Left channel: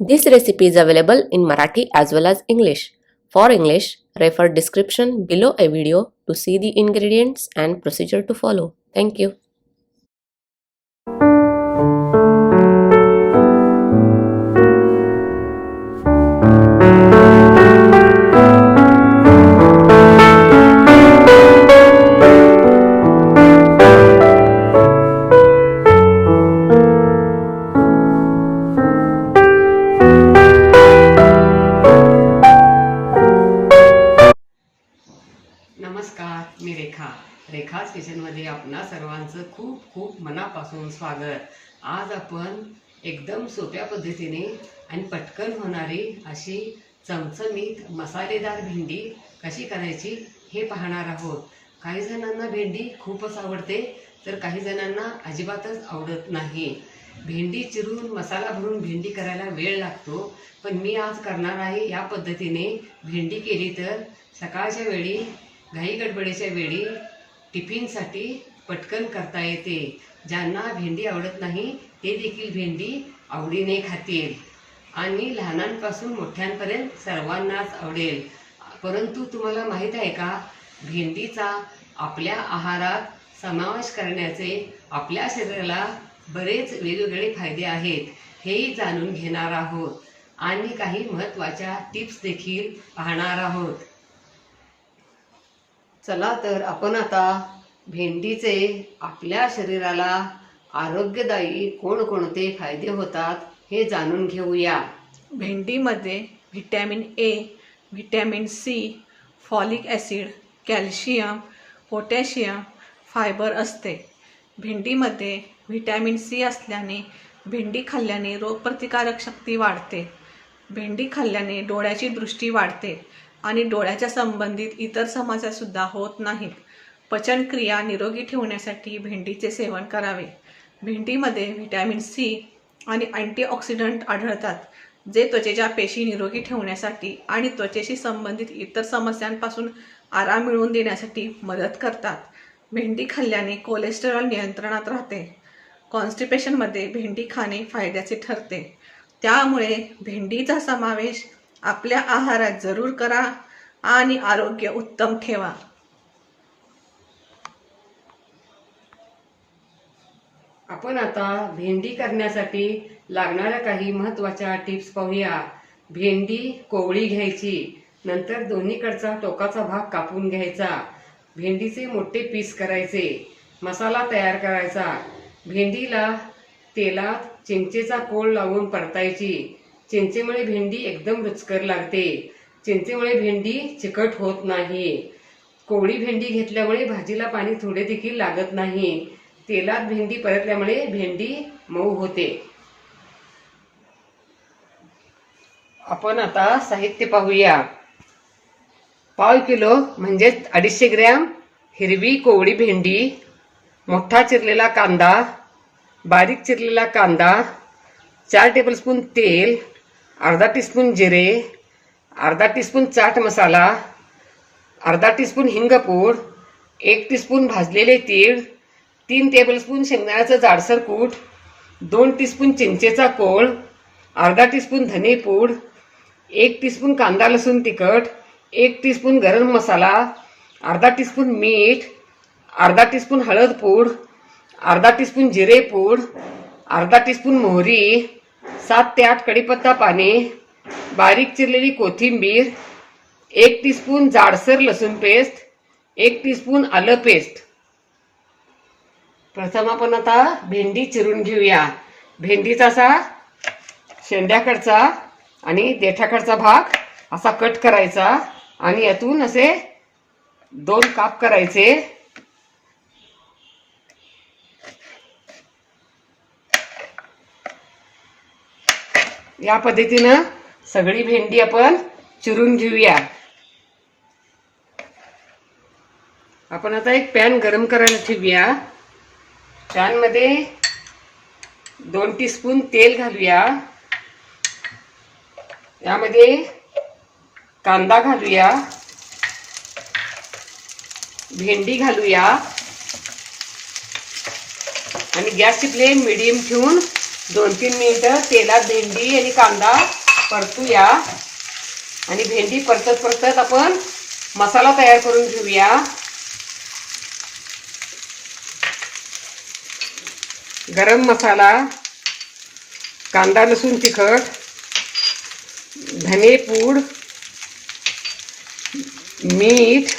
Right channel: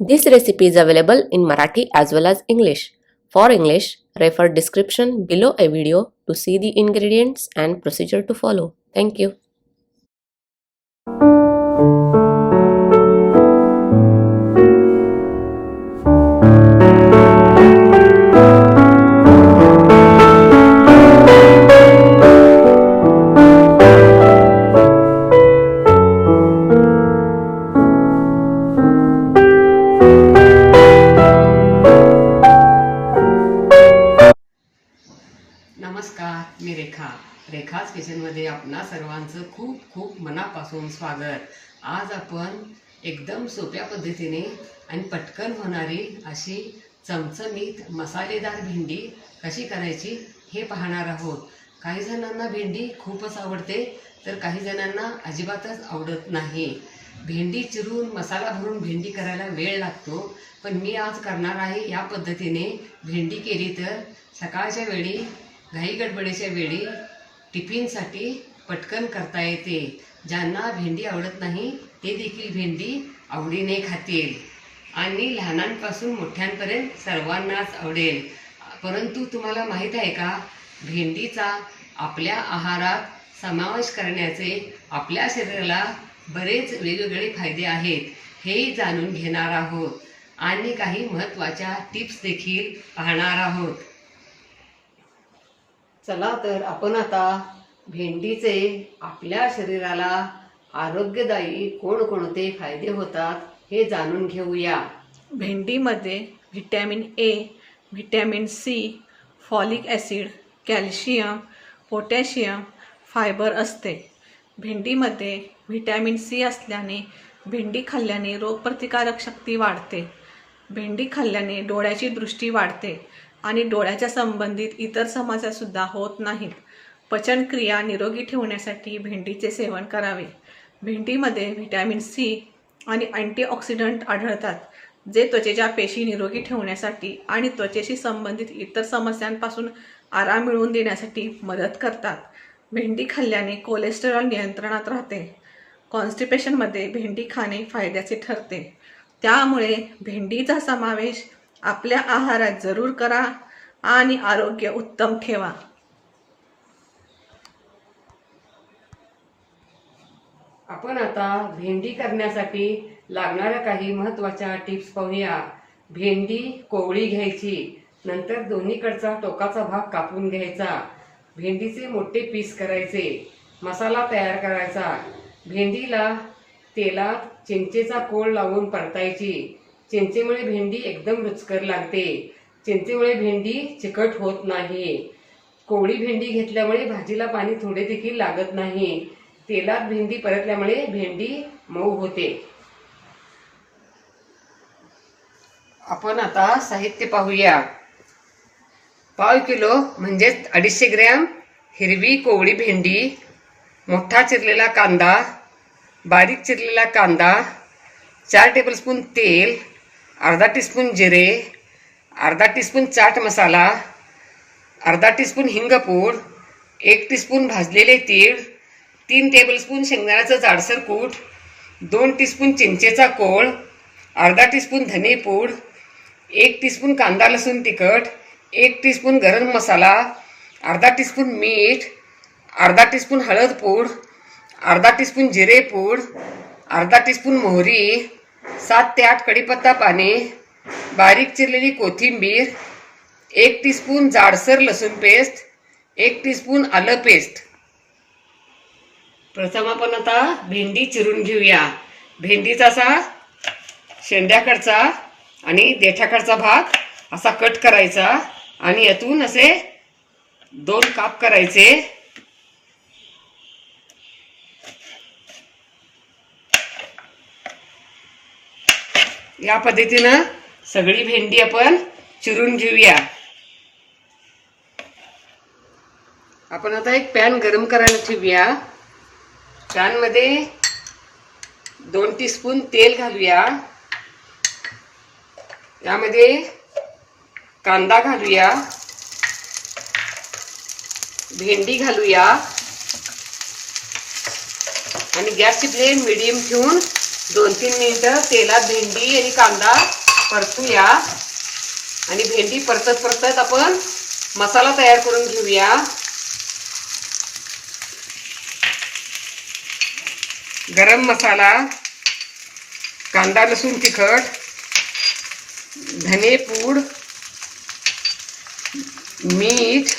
This recipe is available in Marathi as well as English. For English, refer description below a video to see the ingredients and procedure to follow. Thank you. नमस्कार, मी रेखाच किचनमध्ये आपणा सर्वांचं खूप खूप मनापासून स्वागत. आज आपण एकदम सोप्या पद्धतीने आणि पटकन होणारी अशी चमचमीत मसालेदार भेंडी कशी करायची हे पाहणार आहोत. काही जणांना भेंडी खूपच आवडते तर काही जणांना अजिबातच आवडत नाही. भेंडी चिरून मसाला भरून भेंडी करायला वेळ लागतो, पण मी आज करणार आहे या पद्धतीने. भेंडी केली तर सकाळच्या वेळी घाई गडबडीच्या वेळी टिफिनसाठी पटकन करता येते. ज्यांना भेंडी आवडत नाही ते देखील भेंडी आवडीने खातील आणि लहानांपासून मोठ्यांपर्यंत सर्वांनाच आवडेल. परंतु तुम्हाला माहीत आहे का, भेंडीचा आपल्या आहारात समावेश करण्याचे आपल्या शरीराला बरेच वेगवेगळे फायदे आहेत. हेही जाणून घेणार आहोत आणि काही महत्त्वाच्या टिप्स देखील पाहणार आहोत. चला तर आपण आता भेंडीचे आपल्या शरीराला आरोग्यदायी कोणकोणते फायदे होतात हे जाणून घेऊया. भेंडीमध्ये vitamin A, vitamin C, folic acid, calcium, potassium, fibre असते. भेंडीमध्ये व्हिटॅमिन सी असल्याने भेंडी खाल्ल्याने रोगप्रतिकारक शक्ती वाढते. भेंडी खाल्ल्याने डोळ्याची दृष्टी वाढते आणि डोळ्याच्या संबंधित इतर समस्यासुद्धा होत नाहीत. पचनक्रिया निरोगी ठेवण्यासाठी भेंडीचे सेवन करावे. भेंडीमध्ये व्हिटॅमिन सी आणि अँटीऑक्सिडंट आढळतात, जे त्वचेच्या पेशी निरोगी ठेवण्यासाठी आणि त्वचेशी संबंधित इतर समस्यांपासून आराम मिळवून देण्यासाठी मदत करतात. भेंडी खाल्ल्याने कोलेस्टेरॉल नियंत्रणात राहते. कॉन्स्टिपेशनमध्ये भेंडी खाणे फायद्याचे ठरते. त्यामुळे भेंडीचा समावेश आपल्या आहारात जरूर करा आणि आरोग्य उत्तम ठेवा. आपण आता भेंडी करण्यासाठी लागणाऱ्या काही महत्त्वाच्या टिप्स पाहूया. भेंडी कोवळी घ्यायची, नंतर दोन्हीकडचा टोकाचा भाग कापून घ्यायचा. भेंडीचे मोठे पीस करायचे. मसाला तयार करायचा. भेंडीला तेलात चिंचेचा कोळ लावून परतायची. चिंचेमुळे भेंडी एकदम रुचकर लागते. चिंचेमुळे भेंडी चिकट होत नाही. कोवळी भेंडी घेतल्यामुळे भाजीला पाणी थोडे देखील लागत नाही. तेलात भेंडी परतल्यामुळे भेंडी मऊ होते. आपण आता साहित्य पाहूया. पाव किलो म्हणजेच 250 ग्रॅम हिरवी कोवळी भेंडी, मोठा चिरलेला कांदा, बारीक चिरलेला कांदा, 4 टेबलस्पून तेल, अर्धा टीस्पून जिरे, अर्धा टीस्पून चाट मसाला, अर्धा टीस्पून हिंगपूड, 1 टीस्पून भाजलेले तीळ, 3 टेबलस्पून शेंगदाण्याचं जाडसर कूट, 2 टीस्पून चिंचेचा कोळ, अर्धा टीस्पून धनेपूड, 1 टीस्पून कांदा लसूण तिखट, 1 टीस्पून गरम मसाला, अर्धा टीस्पून मीठ, अर्धा टीस्पून हळद पूड, अर्धा टीस्पून जिरे पूड, अर्धा टीस्पून मोहरी, 7 ते 8 कढीपत्ता पाने, बारीक चिरलेली कोथिंबीर, 1 टीस्पून जाडसर लसूण पेस्ट, 1 टीस्पून आलं पेस्ट. प्रथम आपण आता भेंडी चिरून घेऊया. भेंडीचा असा शेंड्याकडचा आणि देठाकडचा भाग असा कट करायचा आणि यातून असे 2 काप करायचे. या पद्धतीनं सगळी भेंडी आपण चिरून घेऊया. आपण आता एक पॅन गरम करायला ठेवूया. पॅनमध्ये 2 टीस्पून तेल घालूया. यामध्ये कांदा घालूया, भेंडी घालूया आणि गॅसची फ्लेम मीडियम ठेवून 2-3 मिनिटं तेलात भेंडी आणि कांदा परतूया आणि भेंडी परतत परतत आपण मसाला तयार करून घेऊया. गरम मसाला, कांदा लसूण तिखट, धने पूड, मीठ,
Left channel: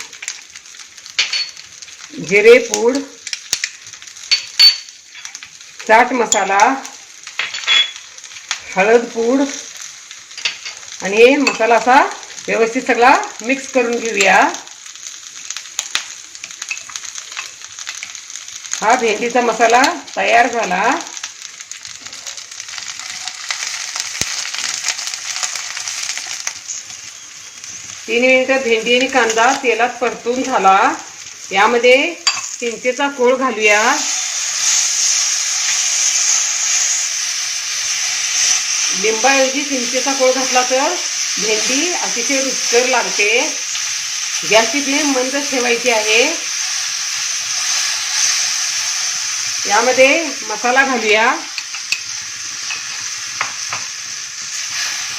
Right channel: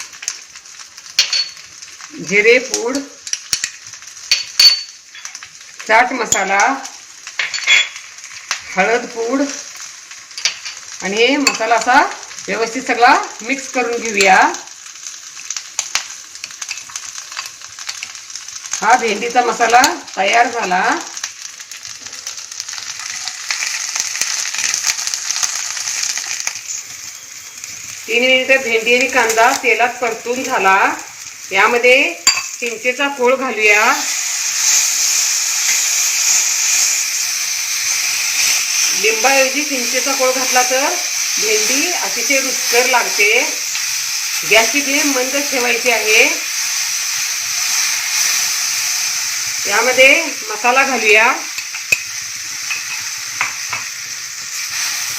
जिरे पूड, चाट मसाला, हळद पूड आणि हे मसाला असा व्यवस्थित सगळा मिक्स करून घेऊया. हा भेंडीचा मसाला तयार झाला. तीन मिनिटं भेंडी आणि कांदा तेलात परतून झाला. यामध्ये चिंचेचा कोळ घालूया. लिंबाऐवजी चिंचेचा कोळ घातला तर भेंडी अतिशय रुचकर लागते. गॅसची फ्लेम मंद ठेवायची आहे. यामध्ये मसाला घालूया.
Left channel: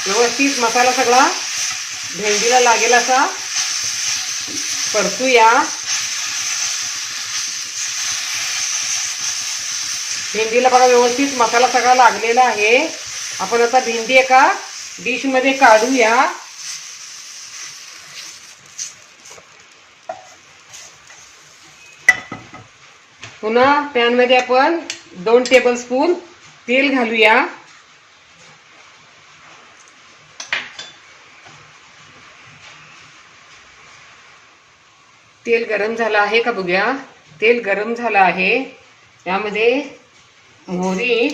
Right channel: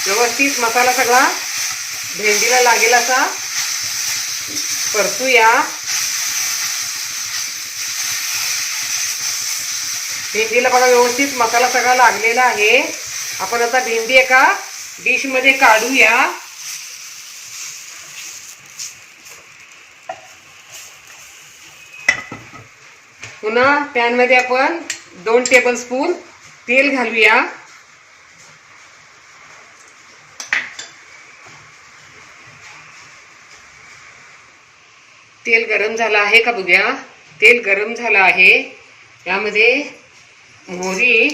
व्यवस्थित मसाला सगळा भेंडीला लागेल असा परतूया. भेंडीला बघा व्यवस्थित मसाला सगळा लागलेला आहे. आपण आता भेंडी एका डिश मध्ये काढूया. पुन्हा पॅन मध्ये आपण 2 टेबलस्पून तेल घालूया. तेल गरम झालं आहे का बघूया. तेल गरम झालं आहे. यामध्ये मोहरी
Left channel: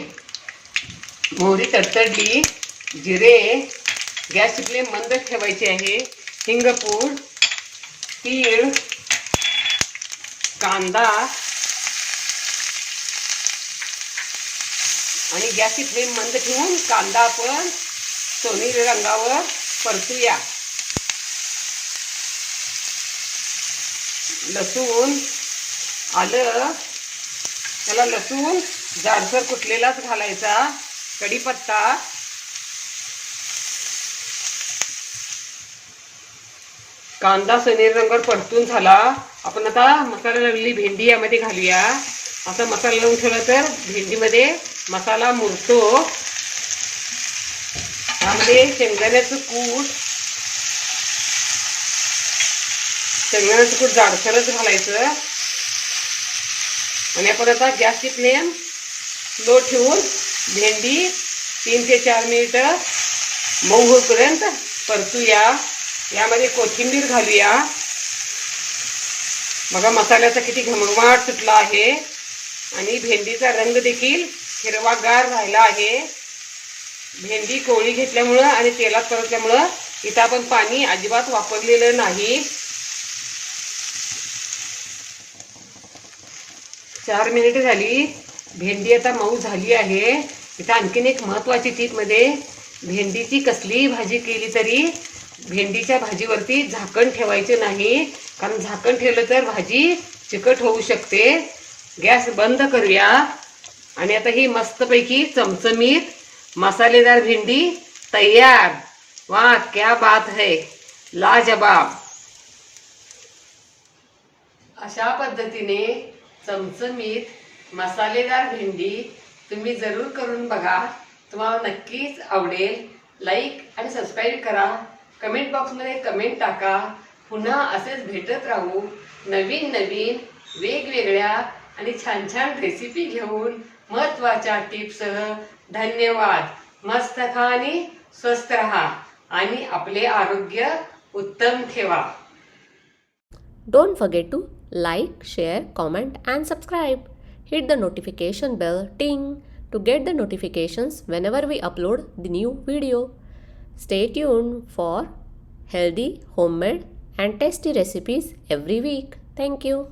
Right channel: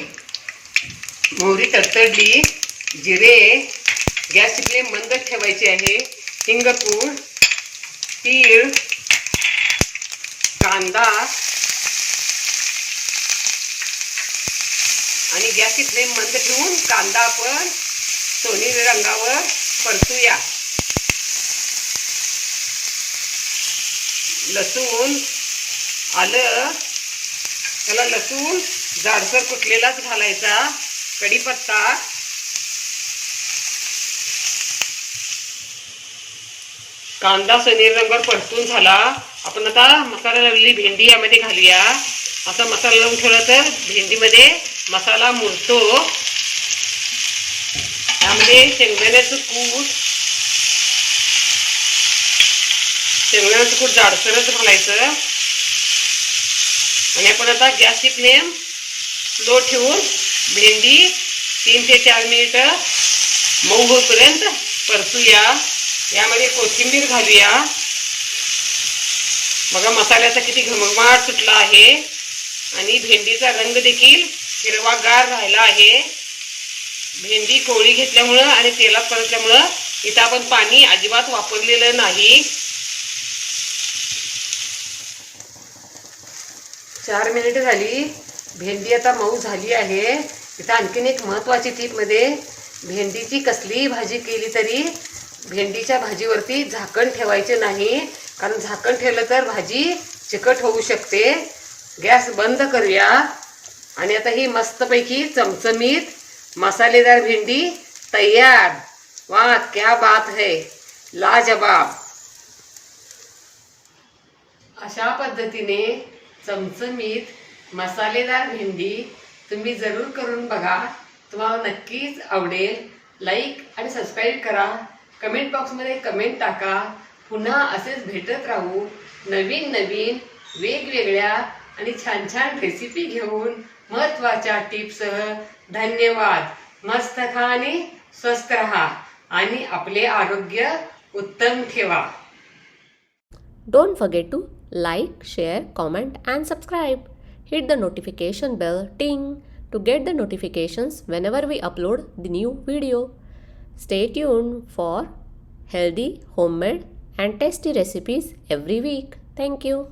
तडतडली, जिरे, गॅसची फ्लेम मंद ठेवायची आहे. हिंगपूड, तीळ, कांदा आणि गॅसची फ्लेम मंद ठेवून कांदा आपण सोनेरी रंगावर परतूया. लसूण, आलं, त्याला लसूण जाडसर कुटलेलाच घालायचा. कढीपत्ता, कांदा सोनेरी रंगावर परतून झाला. आपण आता मसाला लावलेली भेंडी यामध्ये घालूया. असा मसाला लावून ठेवला तर भेंडीमध्ये मसाला मुरतो. त्यामध्ये शेंगदाण्याचं कूट जाडसरच घालायचं. आणि आपण आता गॅसची फ्लेम लो ठेवून भेंडी 3 ते 4 मिनिटं मऊ होईपर्यंत परतूया. यामध्ये कोथिंबीर घालूया. बघा मसाल्याचा किती घमघमाट सुटला आहे आणि भेंडीचा रंग देखील हिरवागार राहिला आहे. भेंडी कोवळी घेतल्यामुळं आणि तेलात परतल्यामुळं इथं आपण पाणी अजिबात वापरलेलं नाही. 4 मिनिटे झाली. भेंडी आता मऊ झाली आहे. इथं आणखीन एक महत्त्वाची टीप मध्ये भेंडीची कसलीही भाजी केली तरी भेंडीच्या भाजीवरती झाकण ठेवायचे नाही. कारण झाकण ठेवलं तर भाजी चिकट होऊ शकते. गॅस बंद करूया. आणि आता ही मस्तपैकी चमचमीत मसालेदार भेंडी तयार. वाह क्या बात है, लाजवाब. अशा पद्धतीने चमचमीत मसालेदार भेंडी तुम्ही जरूर करून बघा. तुम्हाला नक्कीच आवडेल. लाईक आणि सबस्क्राईब करा. कमेंट बॉक्समध्ये कमेंट टाका. पुन्हा असेच भेटत राहू नवीन नवीन वेगवेगळ्या आणि छान छान रेसिपी घेऊन महत्त्वाच्या टिप्ससह. धन्यवाद. मस्त खा आणि स्वस्थ राहा आणि आपले आरोग्य उत्तम ठेवा. Don't forget to like, share, comment and subscribe. Hit the notification bell ting to get the notifications whenever we upload the new video. Stay tuned for healthy, homemade and tasty recipes every week. Thank you.